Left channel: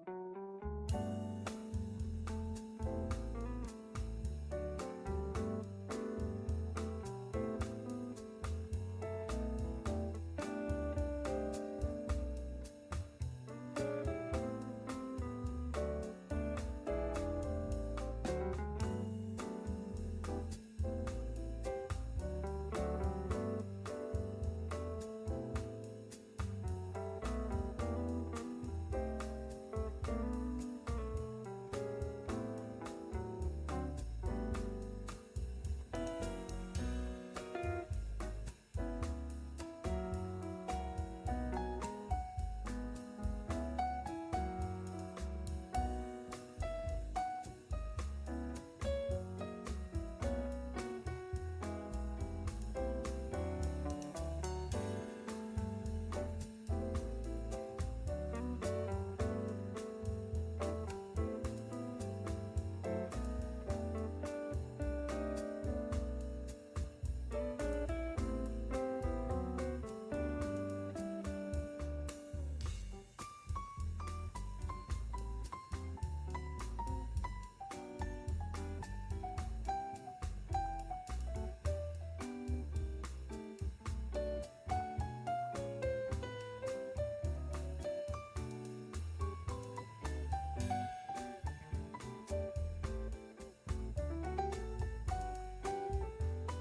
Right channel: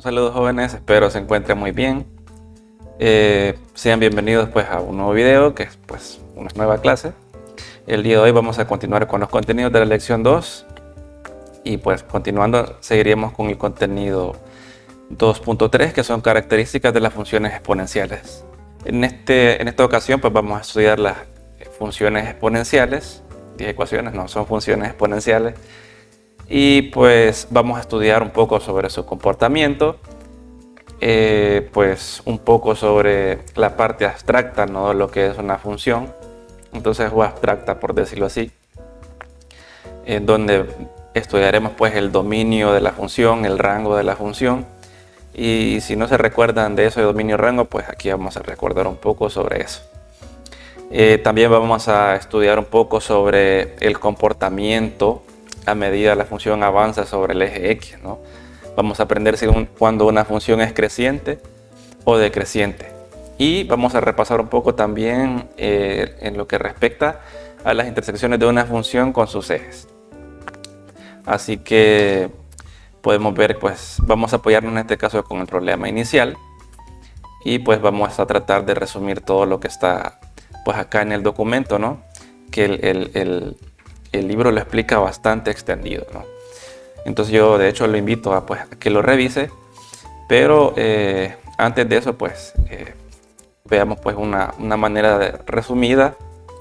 Un saludo jóvenes, espero se encuentren muy bien. Sean bienvenidos pues a un nuevo video que es pues una nueva clase. El día de hoy vamos a continuar con los contenidos de la lección 2 y pues continuando seguiremos con el contenido 2.3 que son características de las funciones exponenciales. En esta ocasión pues vamos a estudiar las funciones exponenciales. Dije ecuaciones, no, son funciones exponenciales. Y pues vamos a estudiar un poco sobre su comportamiento, pues un poco sobre la parte abstracta, ¿no? De lo que es una función, entonces o abstracta por decirlo así, en donde estudiaremos pues el dominio de la función, el rango de la función. Y si no se recuerdan de eso de dominio y rango, pues aquí vamos a recordar un poco sobre eso. También vamos a estudiar un poco sobre el comportamiento a medida la función avanza sobre el eje X, ¿no? Vamos a aprender cuando una función es creciente o decreciente. Y vamos a repasar un poco también en lo que respecta a las intersecciones de una función con sus ejes. Así que podemos ver, pues vamos a apoyarnos en este caso con el problema inicial. Y pues vamos a tratar de resumir todo lo que está pues acá en el documento, ¿no? Que el libro lo explica bastante extendido, ¿no? Entonces yo de hecho lo invito a, pues, a que lo revise, pero antes de eso pues veamos pues una manera resumida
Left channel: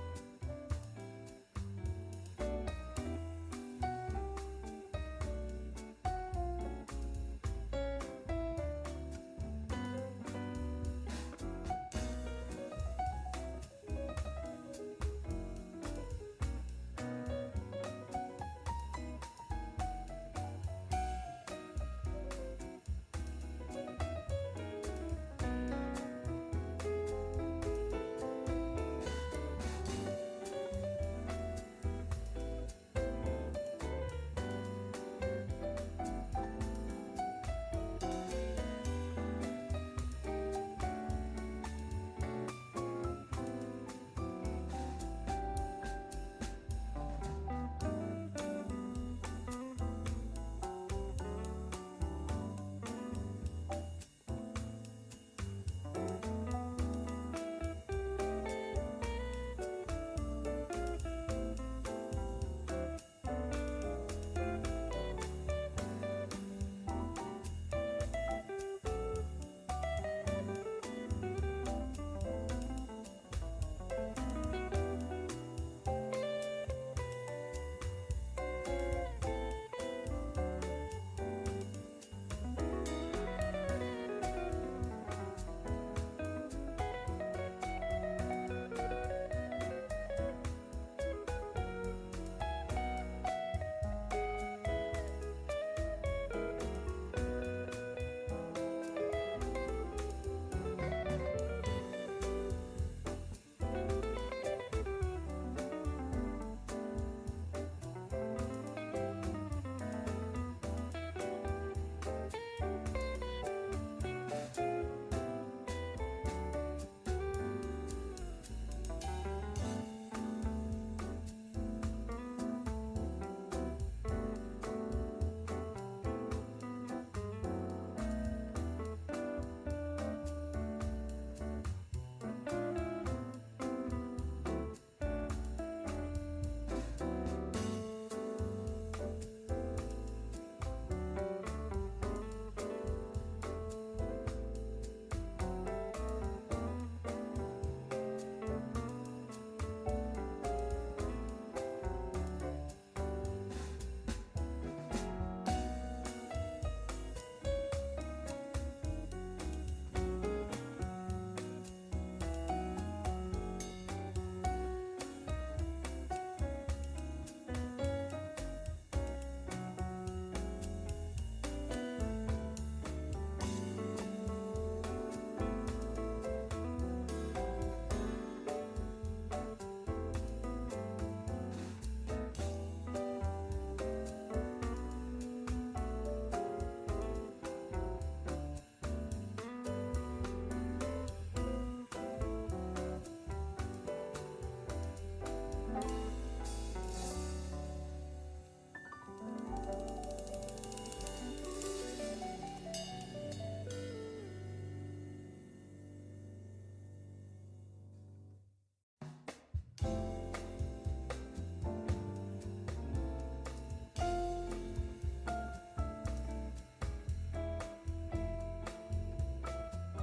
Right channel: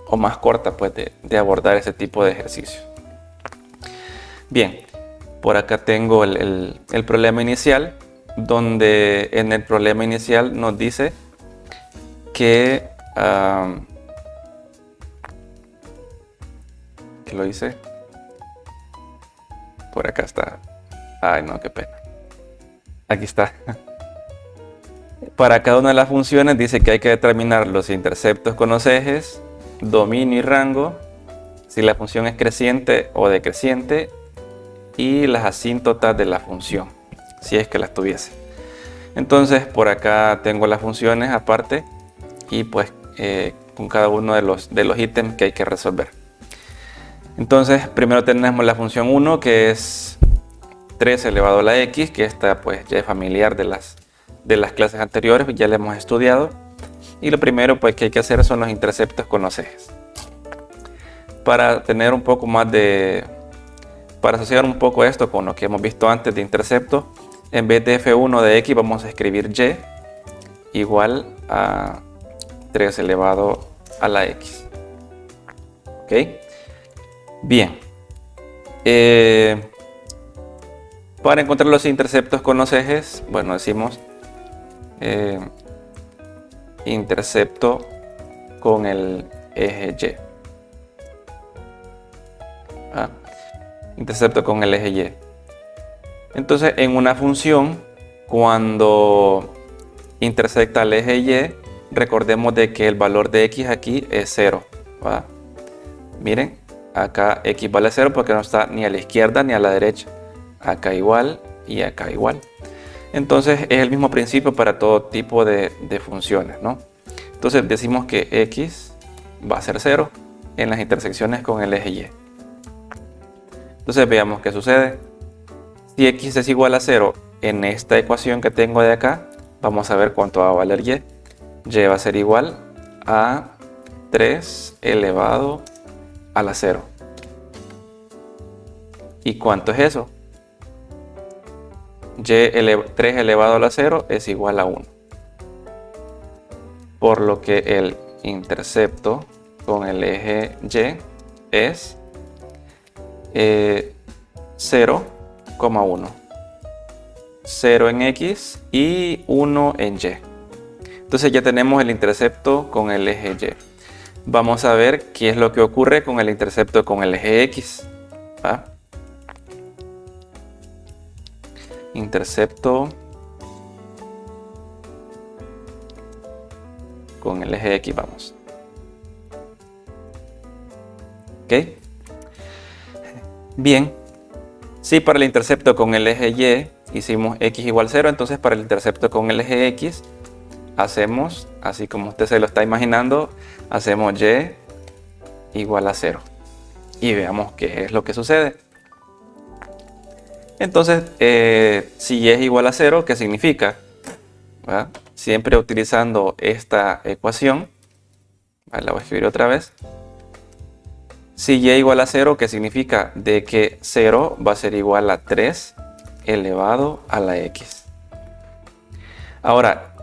o más corta pues de abordar ese tipo de ejercicio. Bien, por acá tengo el problema inicial, donde en el problema inicial nos dice que ¿qué lo hice? Por acá está. Ay, no, qué pena. Aquí está. Para cada una de las funciones dice que hay que determinar los interceptos con los ejes, dominio y rango, si la función es creciente o decreciente, y las asíntotas de la función, si es que las tuviese. Entonces, por acá tengo las funciones aparte y pues con cada uno de los ítems que hay que resolver. Entonces, primero tenemos la función 1, que es 3 elevado a la x, que esta pues ya es familiar de las clases anteriores, ya la hemos estudiado. Y lo primero pues que hay que hacer son los interceptos con los ejes. Para tener un poco más para asociar un poco esto con lo que hemos visto antes de intercepto, en vez de f1 de x vamos a escribir y igual a 3 elevado a la x. ¿Ok? Bien. Para encontrar los interceptos con los ejes, bueno, decimos intercepto con el eje Y. Intercepto con el eje Y. Entonces, en una función, cuando intersecta el eje Y, recordemos de que el valor de x aquí es 0. ¿Va? Miren, acá x vale 0 porque no está ni a la izquierda ni a la derecha. Acá igual y acá igual. Entonces es el mismo principio para todo tipo de funciones, ¿no? Entonces decimos que x va a ser 0 en las intersecciones con el eje Y. Entonces veamos qué sucede. Si x es igual a 0 en esta ecuación que tengo de acá, vamos a ver cuánto va a valer y. Y va a ser igual a 3 elevado a la 0. ¿Y cuánto es eso? 3 elevado a la 0 es igual a 1. Por lo que el intercepto con el eje Y es 0,1. 0 en X y 1 en Y. Entonces ya tenemos el intercepto con el eje Y. Vamos a ver qué es lo que ocurre con el intercepto con el eje X. ¿Va? Intercepto con el eje X, vamos. ¿Ok? Bien. Si para el intercepto con el eje Y hicimos x igual 0, entonces para el intercepto con el eje X hacemos, así como usted se lo está imaginando, hacemos y igual a 0. Y veamos qué es lo que sucede. Entonces, si y es igual a 0, ¿qué significa? ¿Va? Siempre utilizando esta ecuación, ¿va? La voy a escribir otra vez. Si y igual a 0, ¿qué significa? De que 0 va a ser igual a 3 elevado a la x. Ahora,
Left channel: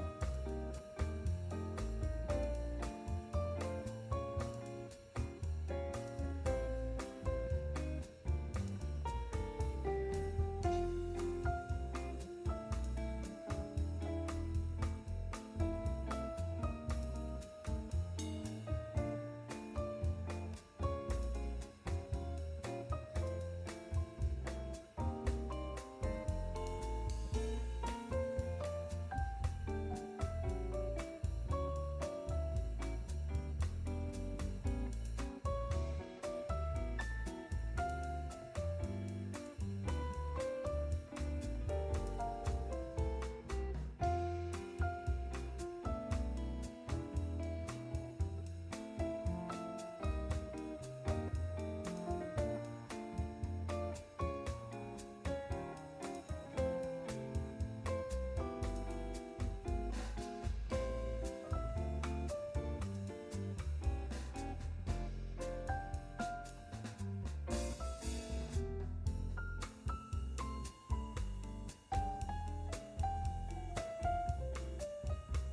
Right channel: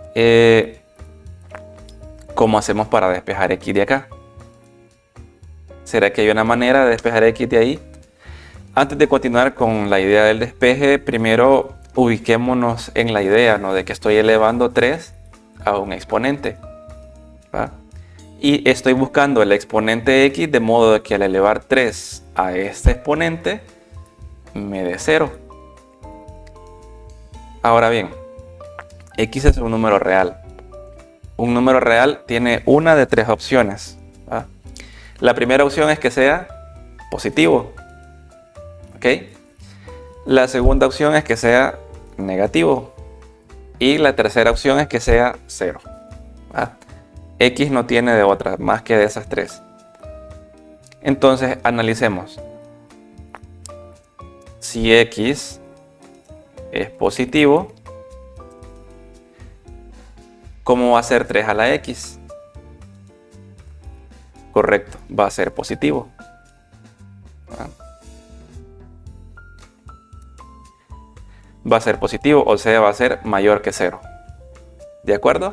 ¿cómo hacemos para despejar x de acá? ¿Será que hay una manera de despejar x de ahí? Antes de continuar con la idea del despeje, primero ubiquémonos en la idea, ¿no? De que estoy elevando 3 a un exponente, ¿va? Y estoy buscando el exponente x de modo de que al elevar 3 a este exponente me dé 0. Ahora bien, x es un número real. Un número real tiene una de 3 opciones, ¿va? La primera opción es que sea positivo, ¿ok? La segunda opción es que sea negativo. Y la tercera opción es que sea 0, ¿va? X no tiene de otra más que de esas 3. Entonces analicemos. Si x es positivo, ¿cómo va a ser 3 a la x? Correcto, va a ser positivo. Va a ser positivo, o sea, va a ser mayor que 0. ¿De acuerdo?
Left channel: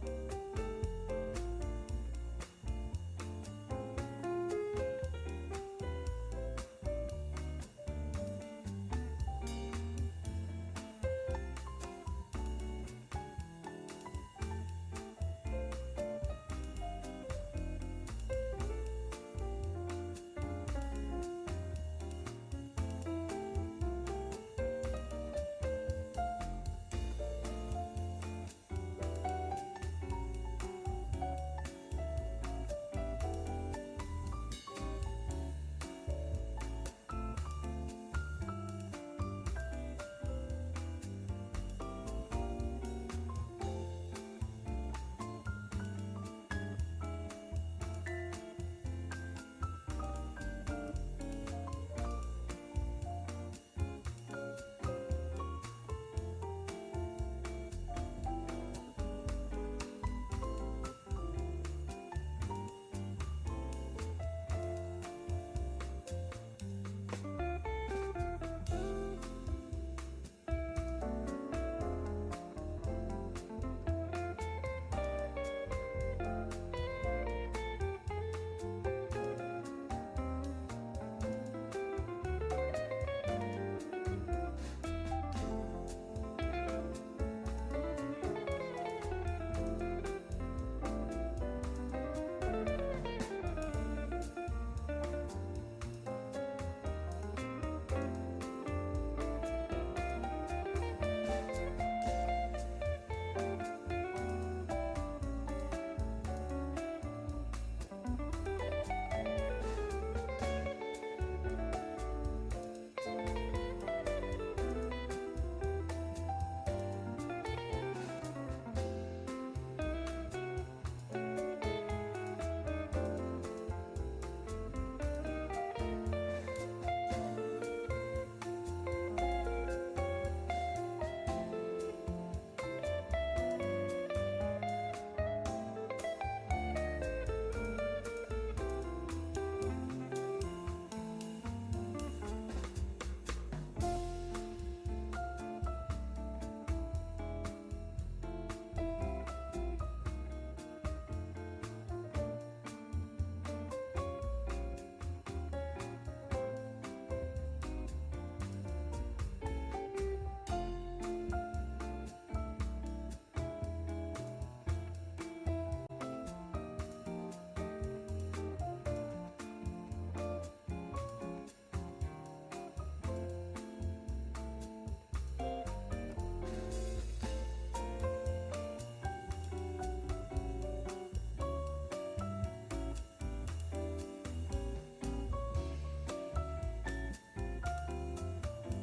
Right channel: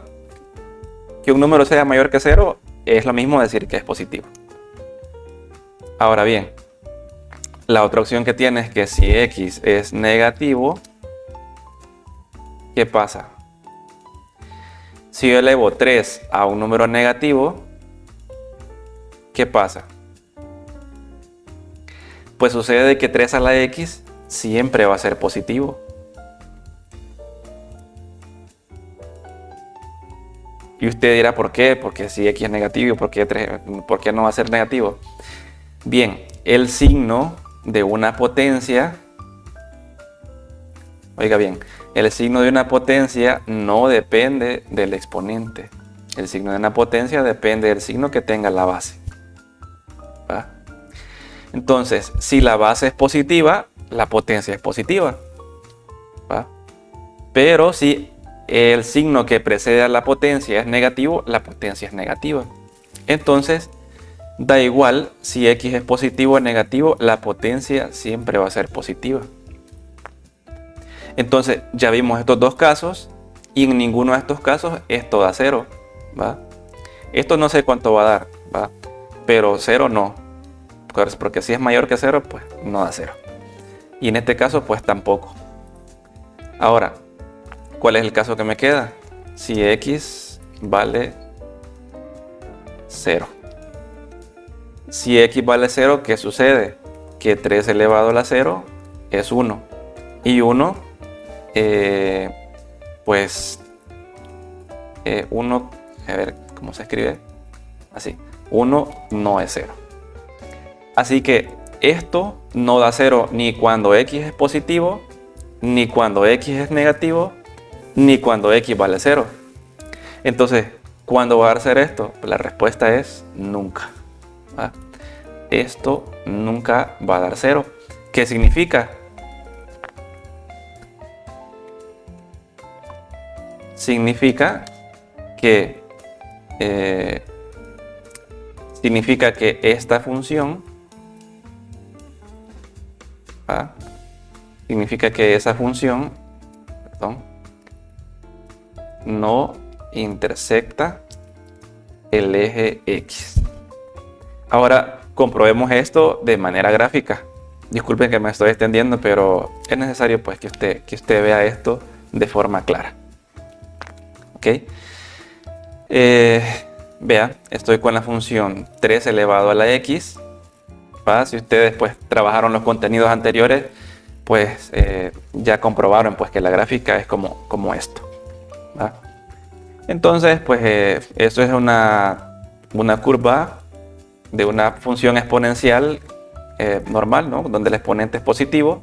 Que un número sea mayor que 0 es lo mismo decir que es positivo. Ahora bien, la otra opción que tiene es que si x es negativo, ¿qué pasa? Si yo elevo 3 a un número negativo, ¿qué pasa? Pues sucede que 3 a la x siempre va a ser positivo. Y usted dirá, ¿por qué? Porque si x es negativo, ¿por qué no va a ser negativo? Bien, el signo de una potencia, oiga bien, el signo de una potencia no depende del exponente. El signo de una potencia depende del signo que tenga la base, ¿va? Entonces, si la base es positiva, la potencia es positiva, ¿va? Pero si el signo que precede a la potencia es negativo, la potencia es negativa. Entonces, da igual si x es positivo o negativo, la potencia siempre va a ser positiva. Entonces, ya vimos estos dos casos y en ninguno de estos casos esto da 0, ¿va? Esto no sé cuánto va a dar, ¿va? Pero 0 no, porque si es mayor que 0, pues no da 0. Y en este caso, pues tampoco. Ahora, ¿cuál es el caso que me queda? Si x vale 0. Si x vale 0, ¿qué sucede? Que 3 elevado a la 0 es 1. Y 1, pues 1, a ver cómo se escribe. Así, 1 no es 0. Así que esto no da 0 ni cuando x es positivo, ni cuando x es negativo, ni cuando x vale 0. Entonces, ¿cuándo va a dar 0 esto? La respuesta es nunca, ¿va? Esto nunca va a dar 0. ¿Qué significa? Significa que esta función, ¿va? Significa que esa función, perdón, no intersecta el eje X. Ahora comprobemos esto de manera gráfica. Disculpen que me estoy extendiendo, pero es necesario pues que usted vea esto de forma clara. ¿Ok? Vea, estoy con la función 3 elevado a la X, ¿va? Si ustedes pues trabajaron los contenidos anteriores, pues ya comprobaron pues que la gráfica es como esto, ¿va? Entonces pues eso es una curva de una función exponencial normal, ¿no? Donde el exponente es positivo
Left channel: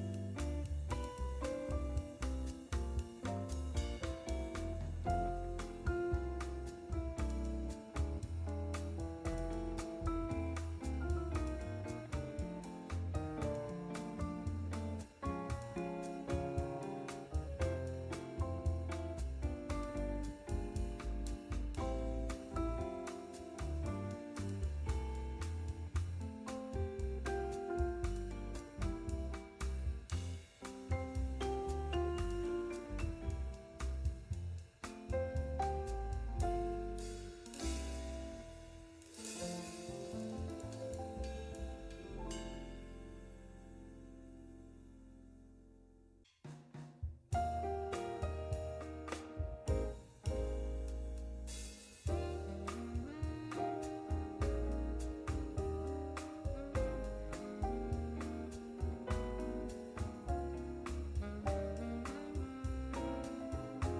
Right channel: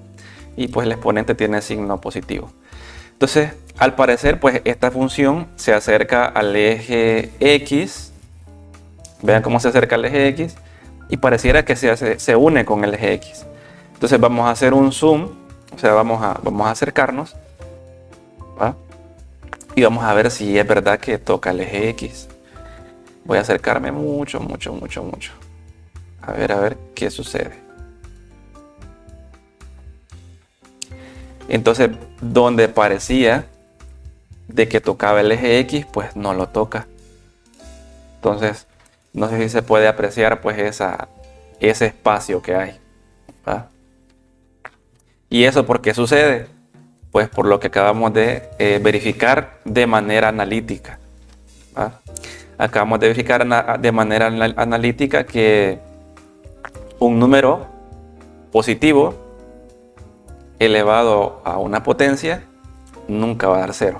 y pues el exponente tiene signo positivo. Entonces, al parecer, pues esta función se acerca al eje X. Vean cómo se acerca al eje X y pareciera que se une con el eje X. Entonces vamos a hacer un zoom, o sea, vamos a acercarnos, ¿va? Y vamos a ver si es verdad que toca el eje X. Voy a acercarme mucho. A ver qué sucede. Entonces, donde parecía de que tocaba el eje X, pues no lo toca. Entonces, no sé si se puede apreciar pues ese espacio que hay, ¿va? ¿Y eso por qué sucede? Pues por lo que acabamos de verificar de manera analítica, ¿va? Acabamos de verificar de manera analítica que un número positivo elevado a una potencia nunca va a dar 0.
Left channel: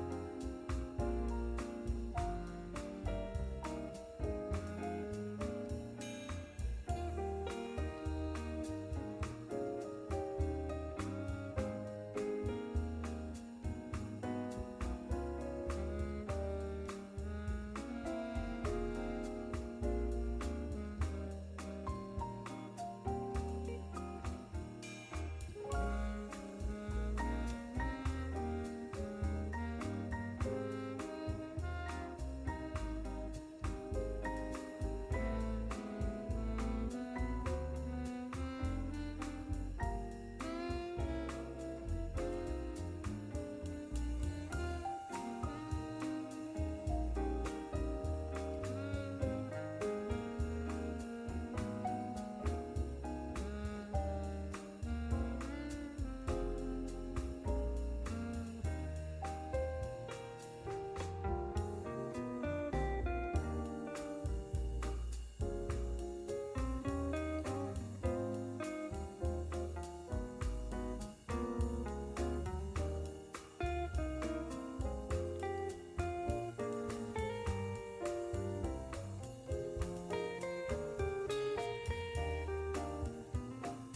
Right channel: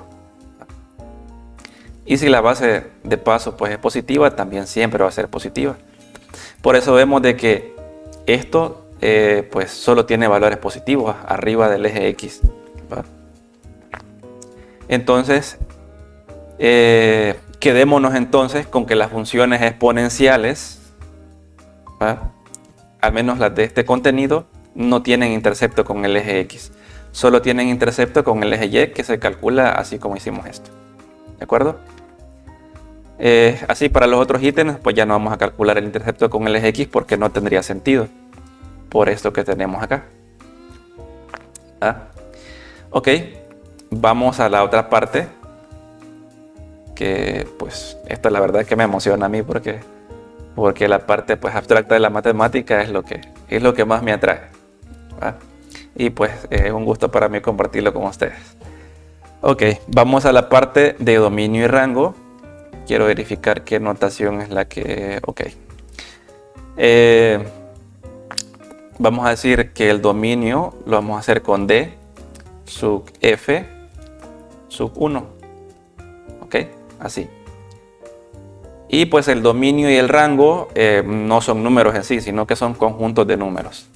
Y si la base de paso pues es positiva, también siempre va a ser positiva. Por eso vemos de que esto pues solo tiene valores positivos arriba del eje X, ¿va? Entonces, quedémonos entonces con que las funciones exponenciales, ¿va?, al menos las de este contenido, no tienen intercepto con el eje X. Solo tienen intercepto con el eje Y, que se calcula así como hicimos esto. ¿De acuerdo? Así para los otros ítems, pues ya no vamos a calcular el intercepto con el eje X porque no tendría sentido. Por esto que tenemos acá. ¿Ah? Ok, vamos a la otra parte. Que pues esto la verdad es que me emociona a mí porque la parte pues abstracta de la matemática es lo que más me atrae, ¿va? Y pues es un gusto para mí compartirlo con ustedes. Ok, vamos a la parte de dominio y rango. Quiero verificar qué notación es la que... Ok. Vamos a decir que el dominio lo vamos a hacer con D sub F sub 1. Ok, así. Y pues el dominio y el rango no son números en sí, sino que son conjuntos de números,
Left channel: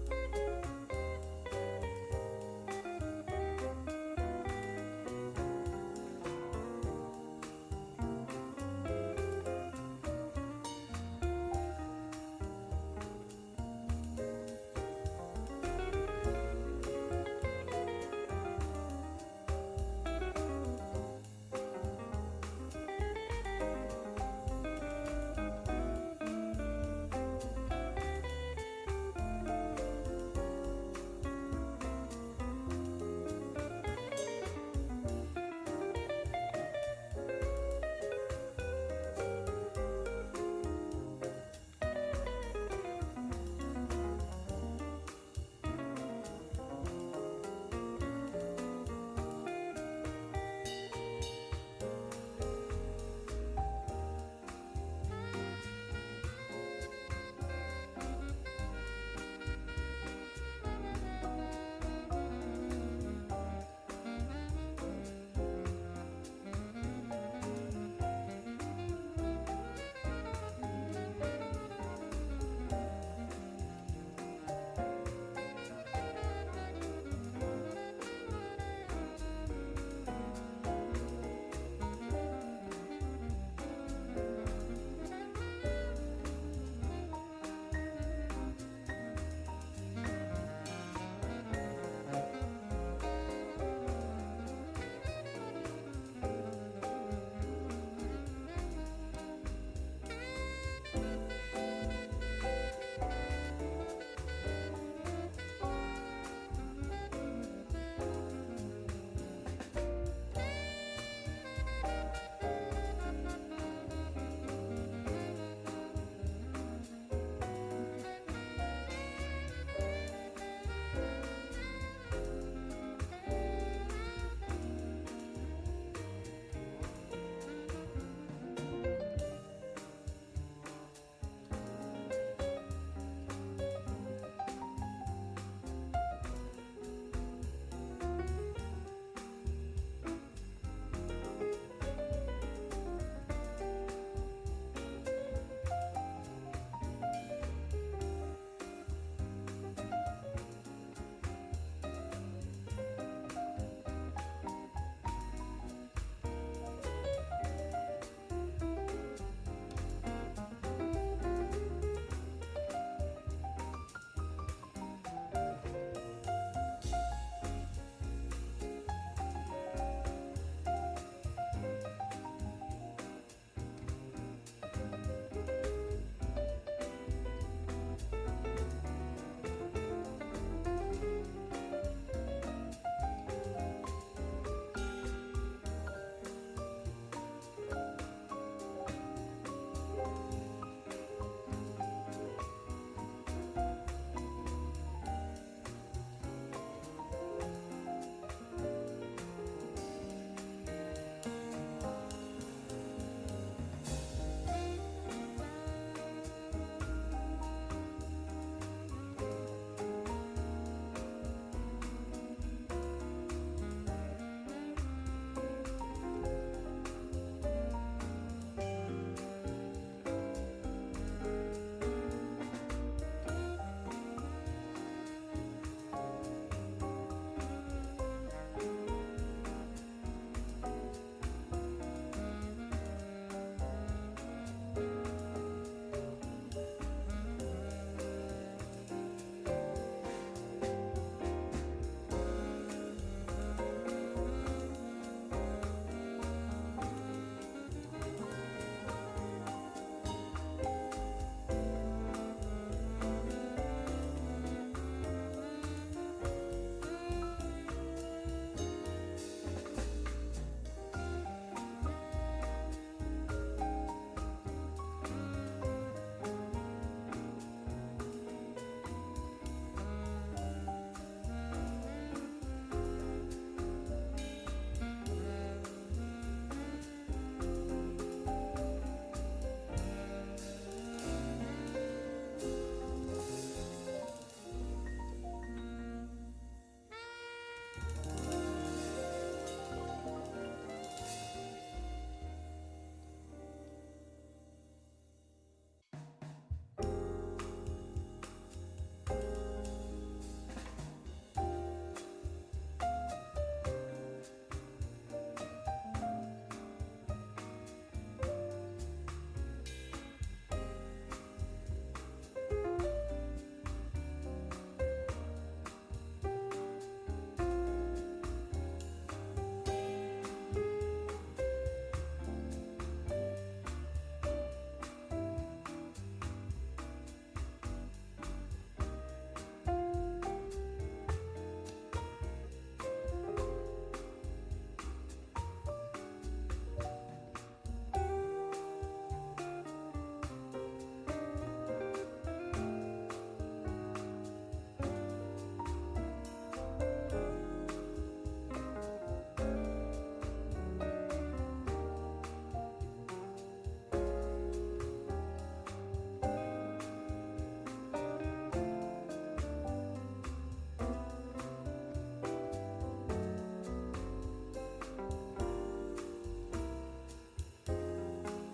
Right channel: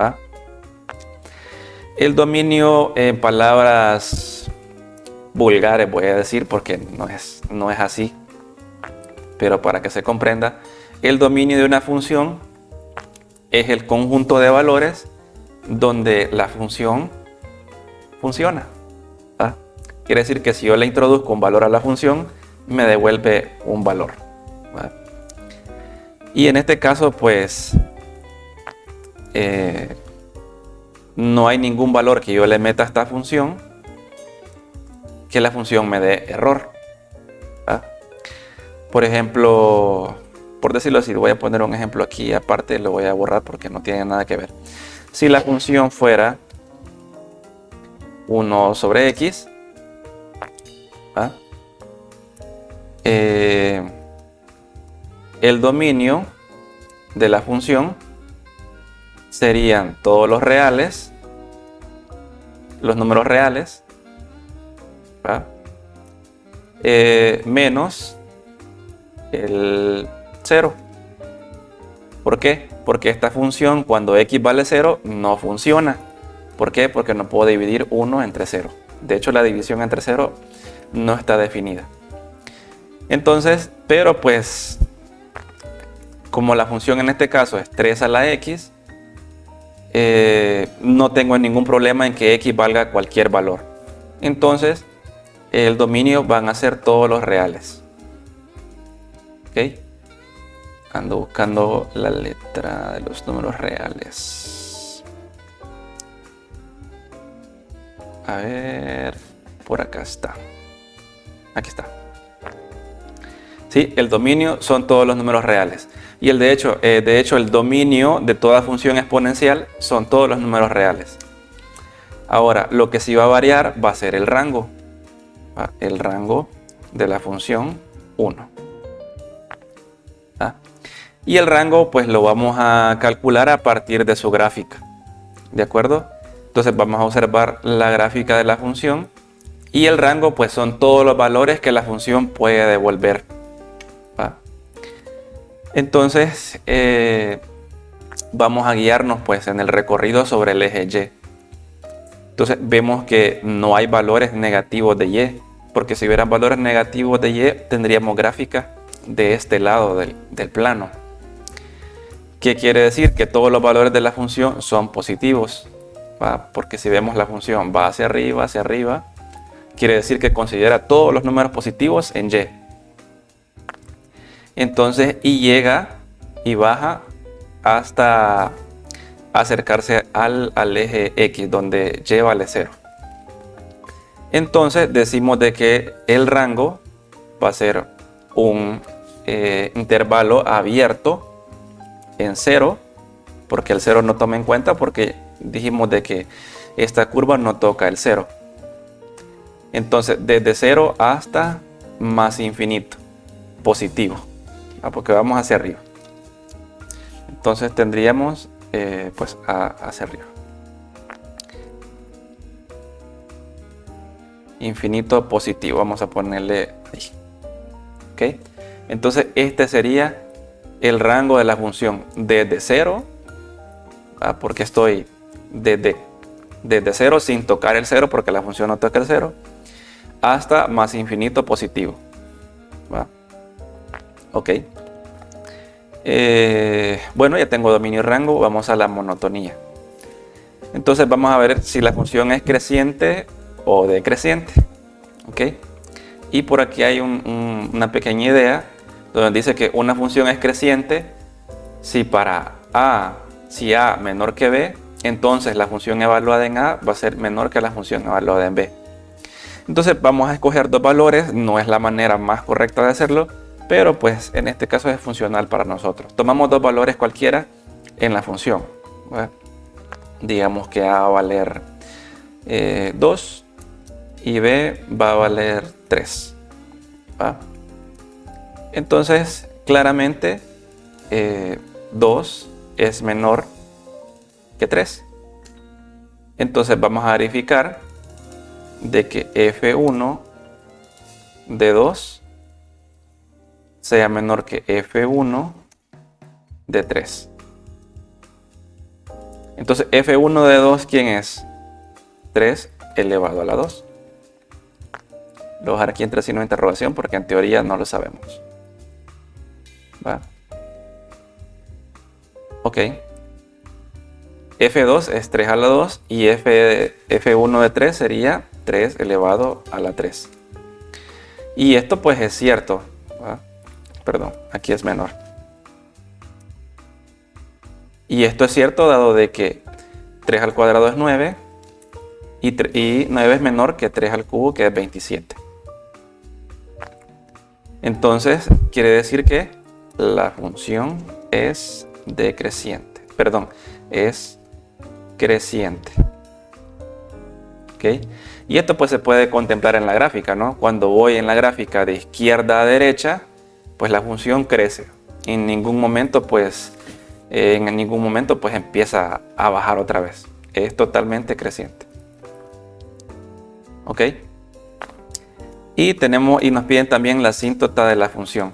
¿va? El dominio, en palabras vulgares voy a decir, porque no es así, pero para que se comprenda, el dominio de una función es el conjunto de valores donde la función funciona, ¿va? Quiere decir que si yo le introduzco un valor a la función, me devuelve un valor, ¿va? Y en este caso pues no hay ningún valor que yo le meta a esta función que la función me dé error, ¿va? Por ejemplo, por decirlo así, voy a poner un ejemplo aquí aparte, lo voy a borrar porque no tiene nada que ver. Si la función fuera 1 sobre x, ¿va?, el dominio de la función serían todos los reales, los números reales, ¿va?, menos el 0. ¿Por qué? Porque esta función cuando x vale 0 no funciona. ¿Por qué? Porque no puedo dividir 1 entre 0. De hecho, la división entre 0 no está definida. Entonces, pero pues, como la función en este caso es 3 a la x, no tengo ningún problema en que x valga cualquier valor. Entonces, el dominio van a ser todos los reales. ¿Ok? Ando buscando la letra de los números reales. A ver, por acá está. Aquí está. Sí, el dominio son todos los números reales. Y de hecho, el dominio de toda función exponencial son todos los números reales. Ahora, lo que sí va a variar va a ser el rango. El rango de la función 1. Y el rango pues lo vamos a calcular a partir de su gráfica. ¿De acuerdo? Entonces vamos a observar la gráfica de la función. Y el rango pues son todos los valores que la función puede devolver, ¿va? Entonces vamos a guiarnos pues en el recorrido sobre el eje Y. Entonces vemos que no hay valores negativos de Y, porque si hubieran valores negativos de Y tendríamos gráfica de este lado del plano. ¿Qué quiere decir? Que todos los valores de la función son positivos, ¿va? Porque si vemos la función va hacia arriba, quiere decir que considera todos los números positivos en y. Entonces, y llega y baja hasta acercarse al eje X, donde y vale 0. Entonces, decimos de que el rango va a ser un intervalo abierto en 0, porque el 0 no toma en cuenta, porque dijimos de que esta curva no toca el 0. Entonces, desde 0 hasta más infinito, positivo, porque vamos hacia arriba. Entonces tendríamos pues hacia arriba. Infinito positivo, vamos a ponerle ahí. ¿Ok? Entonces este sería el rango de la función desde 0, porque estoy desde 0 sin tocar el 0, porque la función no toca el 0, hasta más infinito positivo. ¿Va? Ok. Bueno, ya tengo dominio y rango, vamos a la monotonía. Entonces vamos a ver si la función es creciente o decreciente. ¿Ok? Y por aquí hay una pequeña idea donde dice que una función es creciente si para si A menor que B, entonces la función evaluada en A va a ser menor que la función evaluada en B. Entonces vamos a escoger dos valores, no es la manera más correcta de hacerlo, pero pues en este caso es funcional para nosotros. Tomamos dos valores cualquiera en la función. ¿Verdad? Digamos que A va a valer 2 y B va a valer 3. ¿Va? Entonces claramente 2 es menor que 3. Entonces vamos a verificar de que F1 de 2 sea menor que F1 de 3. Entonces F1 de 2, ¿quién es? 3 elevado a la 2. Lo voy a dejar aquí entre signo de interrogación porque en teoría no lo sabemos. ¿Va? Ok. F2 es 3 a la 2 y F1 de 3 sería 3 elevado a la 3. Y esto pues es cierto. ¿Va? Perdón, aquí es menor. Y esto es cierto dado de que 3 al cuadrado es 9 y 9 es menor que 3 al cubo, que es 27. Entonces quiere decir que la función es decreciente. Perdón, es creciente. ¿Ok? Y esto pues se puede contemplar en la gráfica, ¿no? Cuando voy en la gráfica de izquierda a derecha, pues la función crece. En ningún momento pues empieza a bajar otra vez. Es totalmente creciente. ¿Ok? Y nos piden también la asíntota de la función.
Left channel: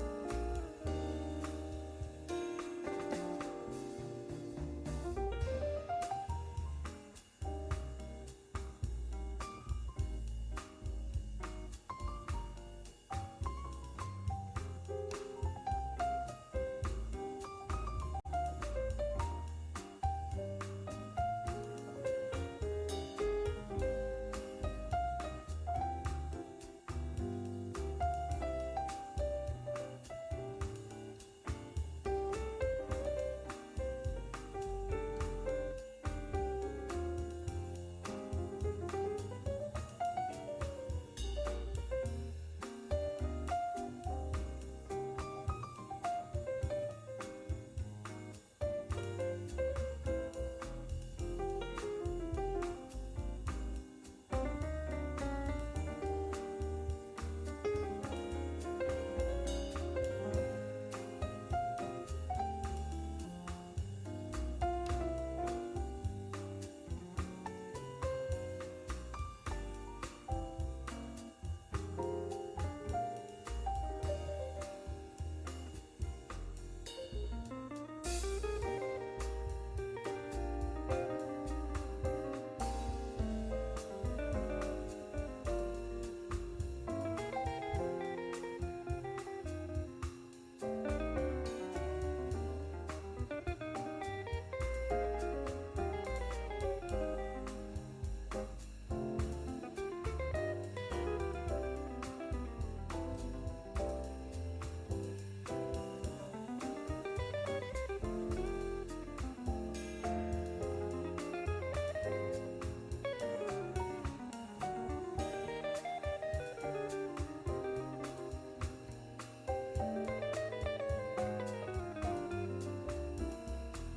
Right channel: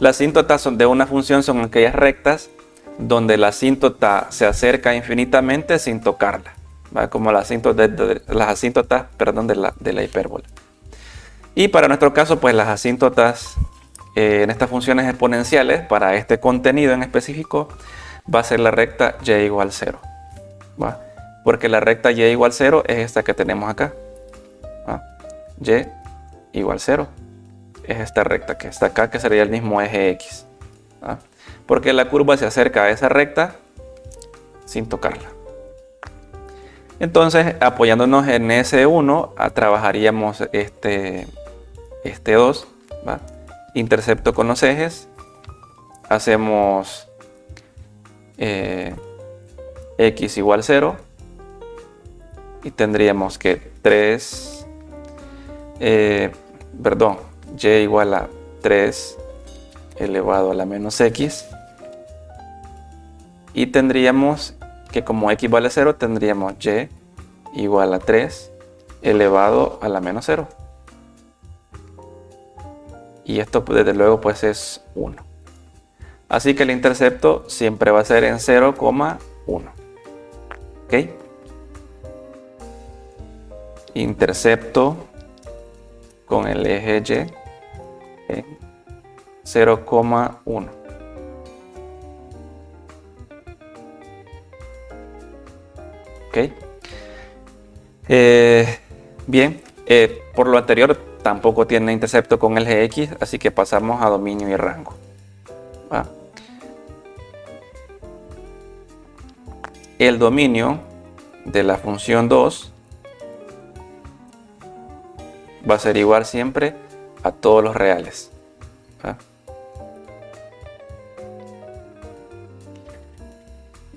Las asíntotas de una función son aquellas rectas donde la asíntota se acerca infinitamente sin tocarla, ¿va? Como las asíntotas de la hipérbola. Y para nuestro caso, pues las asíntotas en estas funciones exponenciales, para este contenido en específico, va a ser la recta y igual 0. ¿Va? Porque la recta y igual 0 es esta que tenemos acá. ¿Va? Y igual 0. Es esta recta que está acá, que sería el mismo eje X. ¿Va? Porque la curva se acerca a esa recta sin tocarla. Entonces, apoyándonos en S1, trabajaríamos este 2, ¿va? Intercepto con los ejes, hacemos X igual 0 y tendríamos que Y igual a 3 elevado a la menos X, y tendríamos que como X vale 0 tendríamos Y igual a 3 elevado a la menos 0, y esto desde luego pues es 1. Así que el intercepto siempre va a ser en 0,1. ¿Ok? Intercepto con el eje Y en 0,1. ¿Ok? Bien, por lo anterior tampoco tiene intercepto con el gx, así que pasamos a dominio y rango. ¿Va? El dominio de la función 2 va a ser igual siempre a todos los reales. ¿Va?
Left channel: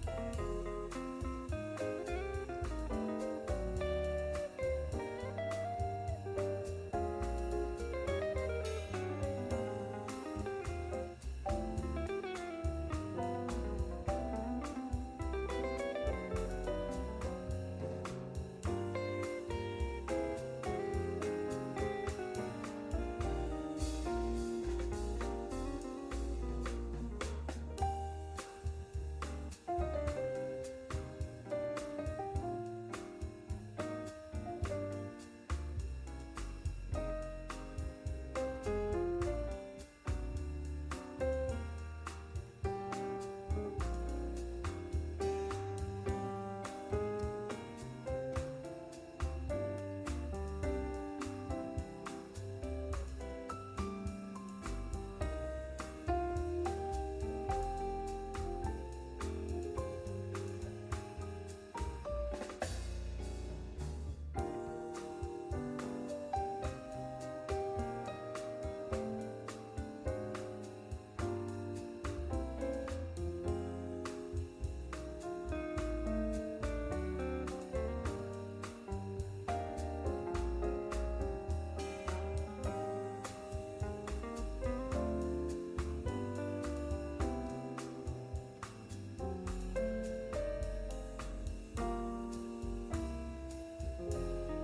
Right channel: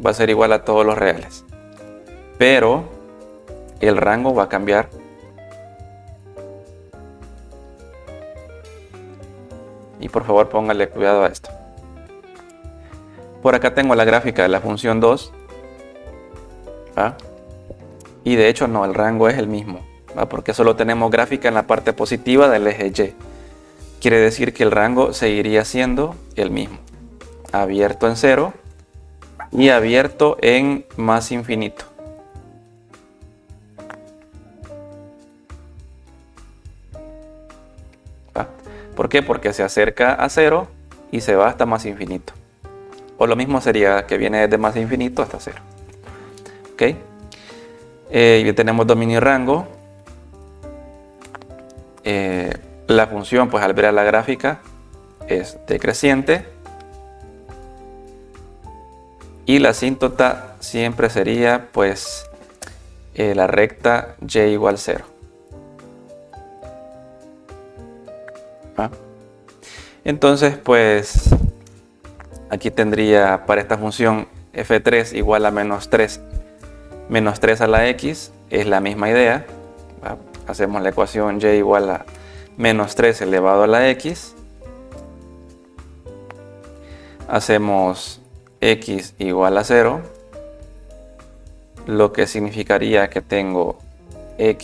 Va a ser igual a todos los reales. Pero el rango va a cambiar. Y por favor póngale cuidado a esto. Por acá tengo la gráfica de la función 2. ¿Va? Y de hecho no, el rango es el mismo, ¿va? Porque solo tenemos gráfica en la parte positiva del eje Y. Quiere decir que el rango seguiría siendo el mismo. Abierto en 0 y abierto en más infinito. ¿Va? ¿Por qué? Porque se acerca a 0 y se va hasta más infinito. O lo mismo sería que viene desde más infinito hasta 0. ¿Ok? Ya tenemos dominio y rango. La función, pues al ver a la gráfica, es decreciente. Y la asíntota siempre sería, pues, la recta y igual 0. ¿Va? Entonces, pues, aquí tendría para esta función f3 igual a menos 3 a la x, es la misma idea. ¿Va? Hacemos la ecuación y igual a menos 3 elevado a la x. Hacemos x igual a 0, lo que significaría que tengo y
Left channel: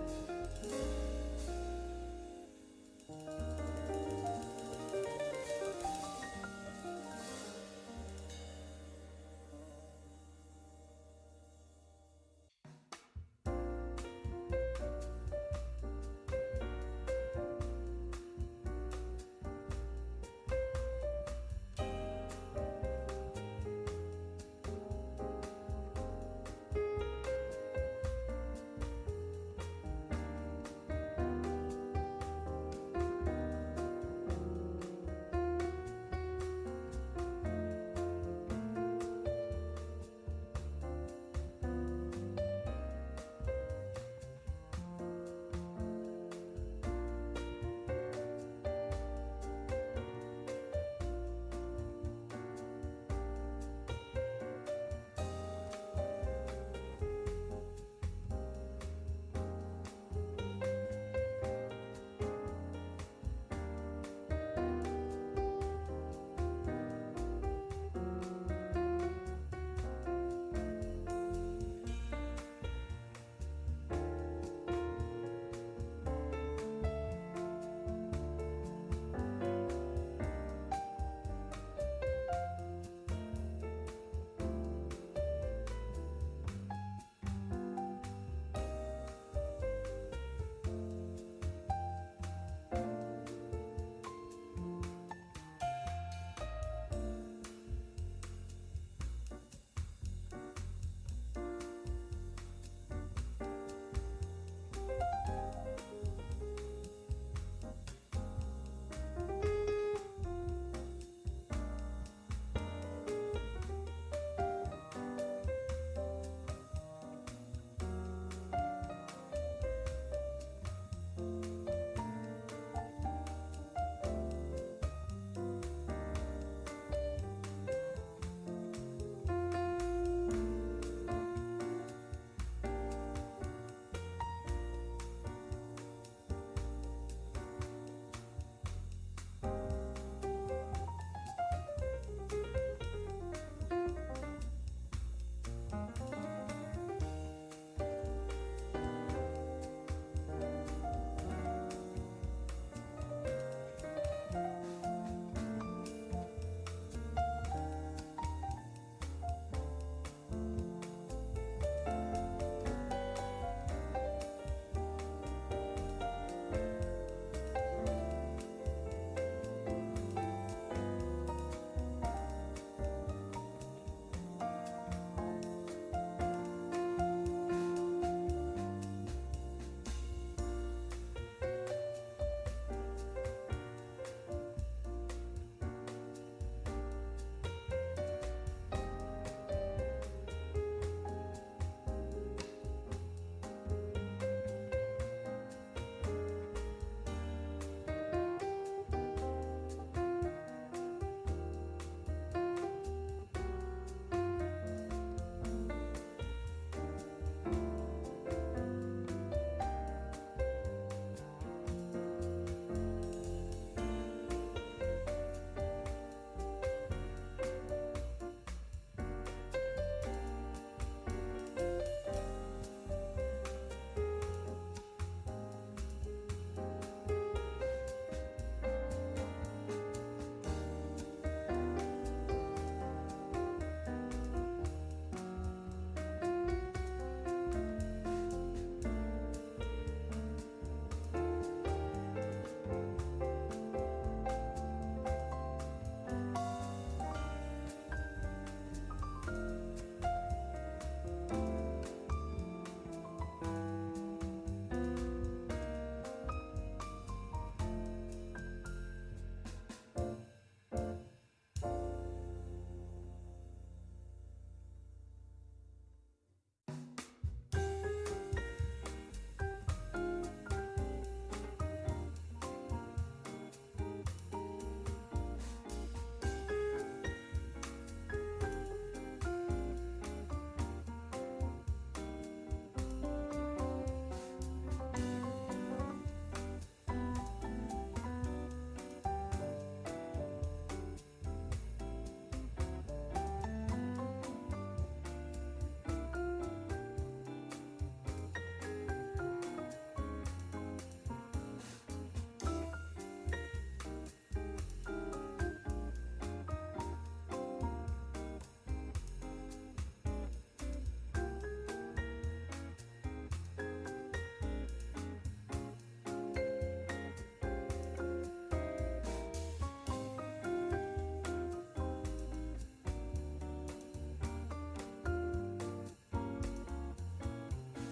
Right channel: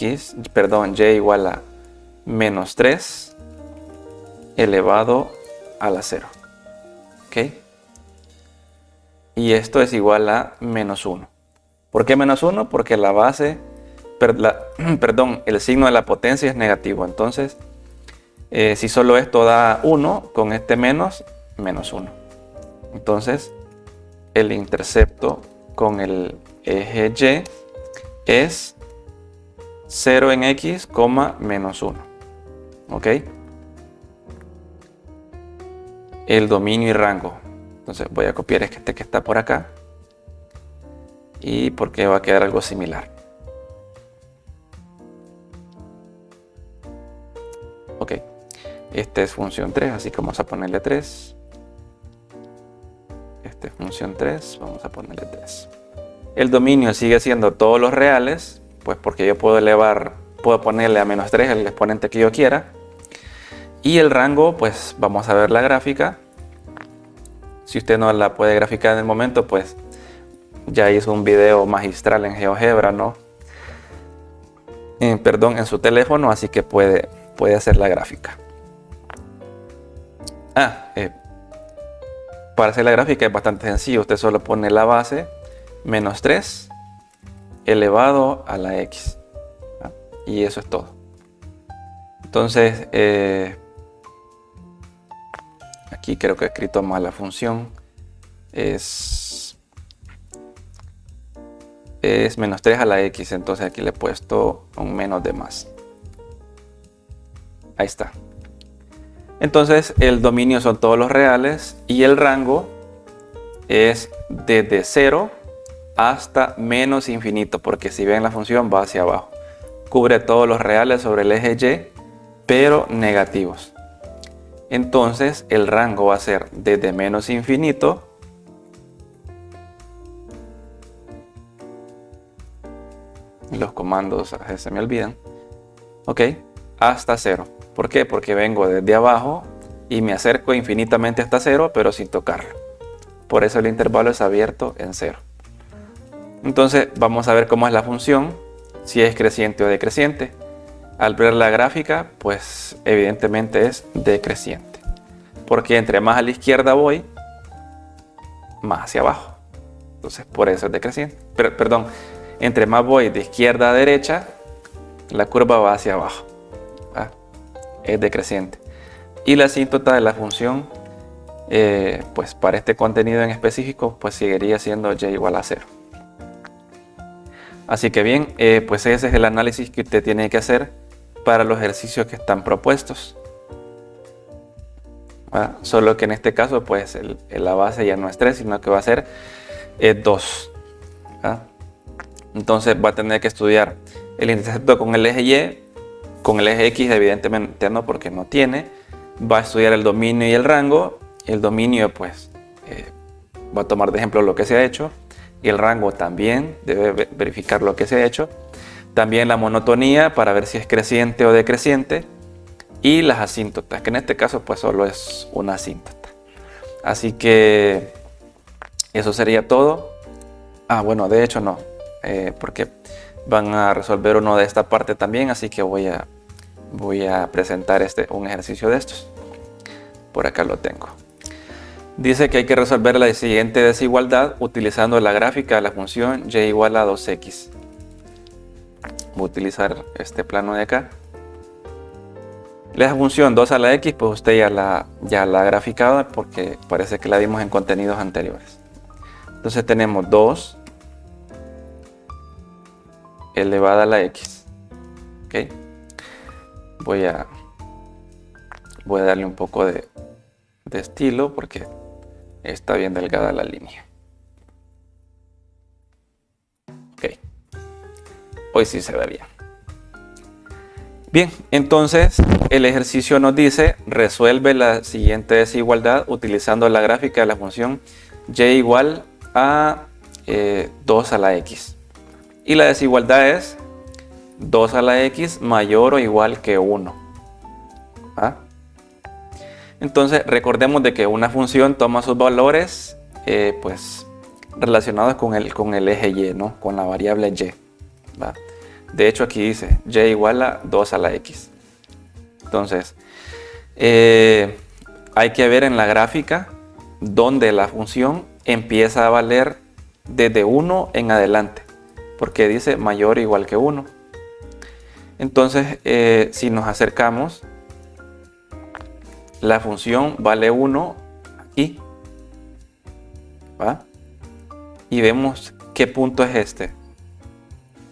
igual a menos 3 elevado a la 0. ¿Ok? Y esto es igual a menos 1. ¿Por qué menos 1? Porque la base, el signo de la potencia es negativo. Entonces, si solo esto da 1, con este menos 1. Entonces, el intercepto con el eje Y es 0 en x, menos 1. ¿Ok? El dominio y rango. Entonces voy a copiar este que está por acá. Y porque va a quedar algo similar. Ok. Este es función 3, así que vamos a ponerle 3. Este es función 3, vamos a ponerle 3. El dominio sigue siendo todos los reales, pues porque yo puedo ponerle a menos 3 el exponente que yo quiera. Y el rango, pues vamos a ver la gráfica. Si usted no la puede graficar en el momento, pues ya hizo un video magistral en GeoGebra, ¿no? En su teléfono, así que puede hacer la gráfica. Para hacer la gráfica es bastante sencillo. Usted solo pone la base menos 3 elevado a la x. Y eso es todo. Entonces, aquí creo que he escrito mal la función. Es menos 3 a la x. Entonces aquí le he puesto un menos de más. Ahí está. Entonces el dominio son todos los reales y el rango es desde 0 hasta menos infinito, porque si ven la función va hacia abajo. Cubre todos los reales sobre el eje Y, pero negativos. Entonces el rango va a ser desde menos infinito los comandos se me olvidan, ok, hasta 0. ¿Por qué? Porque vengo desde abajo y me acerco infinitamente hasta 0, pero sin tocarlo. Por eso el intervalo es abierto en 0. Entonces vamos a ver cómo es la función, si es creciente o decreciente. Al ver la gráfica, pues evidentemente es decreciente. Porque entre más a la izquierda voy, más hacia abajo. Entonces por eso es decreciente. Perdón, entre más voy de izquierda a derecha, la curva va hacia abajo. Es decreciente. Y la asíntota de la función, pues para este contenido en específico, pues seguiría siendo y igual a 0. Así que bien, pues ese es el análisis que usted tiene que hacer para los ejercicios que están propuestos. Solo que en este caso pues la base ya no es 3, sino que va a ser 2. Entonces va a tener que estudiar el intercepto con el eje Y, con el eje X evidentemente no, porque no tiene. Va a estudiar el dominio y el rango. El dominio pues va a tomar de ejemplo lo que se ha hecho, y el rango también debe verificar lo que se ha hecho. También la monotonía para ver si es creciente o decreciente, y las asíntotas, que en este caso pues solo es una asíntota. Así que eso sería todo. Bueno, de hecho no, porque van a resolver uno de esta parte también, así que voy a presentar un ejercicio de estos. Por acá lo tengo. Dice que hay que resolver la siguiente desigualdad utilizando la gráfica de la función y igual a 2x. Voy a utilizar este plano de acá. La función 2 a la x, pues usted ya la ha graficado porque parece que la vimos en contenidos anteriores. Entonces tenemos 2 elevada a la x. ¿Okay? Voy a darle un poco de estilo porque está bien delgada la línea. Ok. Hoy sí se ve bien. Bien, entonces el ejercicio nos dice: resuelve la siguiente desigualdad utilizando la gráfica de la función y igual a 2 a la x. Y la desigualdad es 2 a la x mayor o igual que 1. Entonces recordemos de que una función toma sus valores pues relacionados con el eje y, ¿no? Con la variable y. ¿Va? De hecho aquí dice y igual a 2 a la x. Entonces hay que ver en la gráfica donde la función empieza a valer desde 1 en adelante, porque dice mayor o igual que 1. Entonces si nos acercamos, la función vale 1 aquí, ¿va? Y vemos qué punto es este.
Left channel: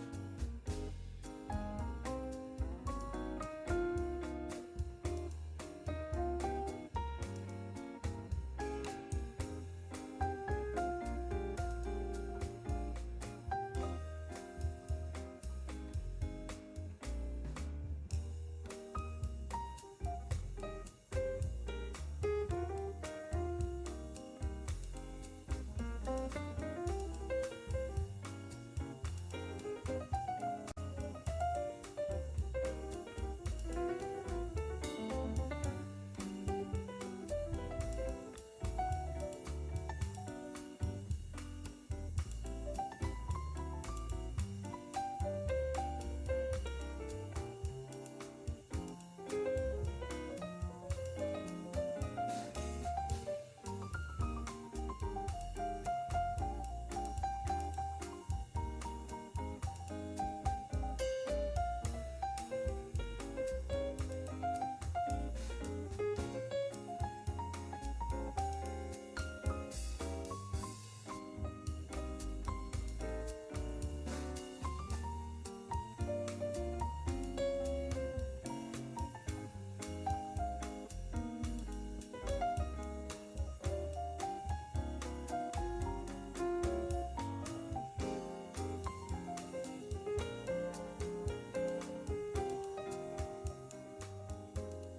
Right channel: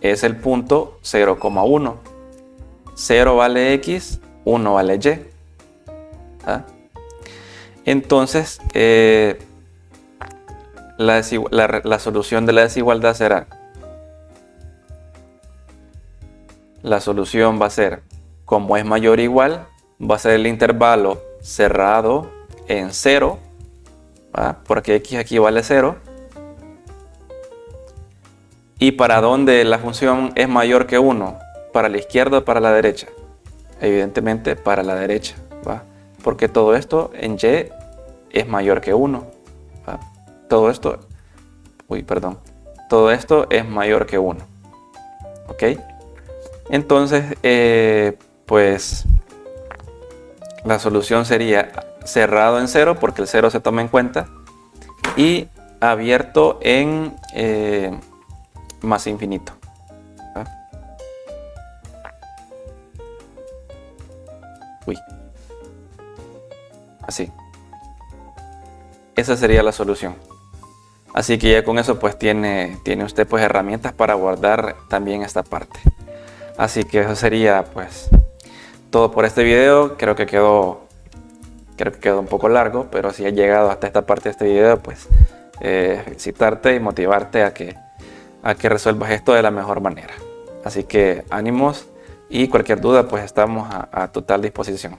Es el punto 0,1. 0 vale x, 1 vale y. ¿Va? Entonces la solución de la desigualdad será, la solución va a ser, como es mayor o igual, va a ser el intervalo cerrado en 0, ¿va? Porque x aquí vale 0. ¿Y para dónde la función es mayor que 1? ¿Para la izquierda o para la derecha? Evidentemente para la derecha, ¿va? Porque todo esto en y es mayor que 1, ¿va? Todo esto es mayor que 1. ¿Ok? Entonces, pues la solución sería cerrado en 0, porque el 0 se toma en cuenta, y abierto en más infinito. Así. Esa sería la solución. Así que ya con eso pues tiene usted pues herramientas para guardar también esta parte. Así que eso sería pues todo por este video. Creo que quedó un poco largo, pero si has llegado hasta esta parte de este video, pues felicitarte y motivarte a que resuelvas esto de la mejor manera. Así que ánimos, y cualquier duda pues estamos a total disposición.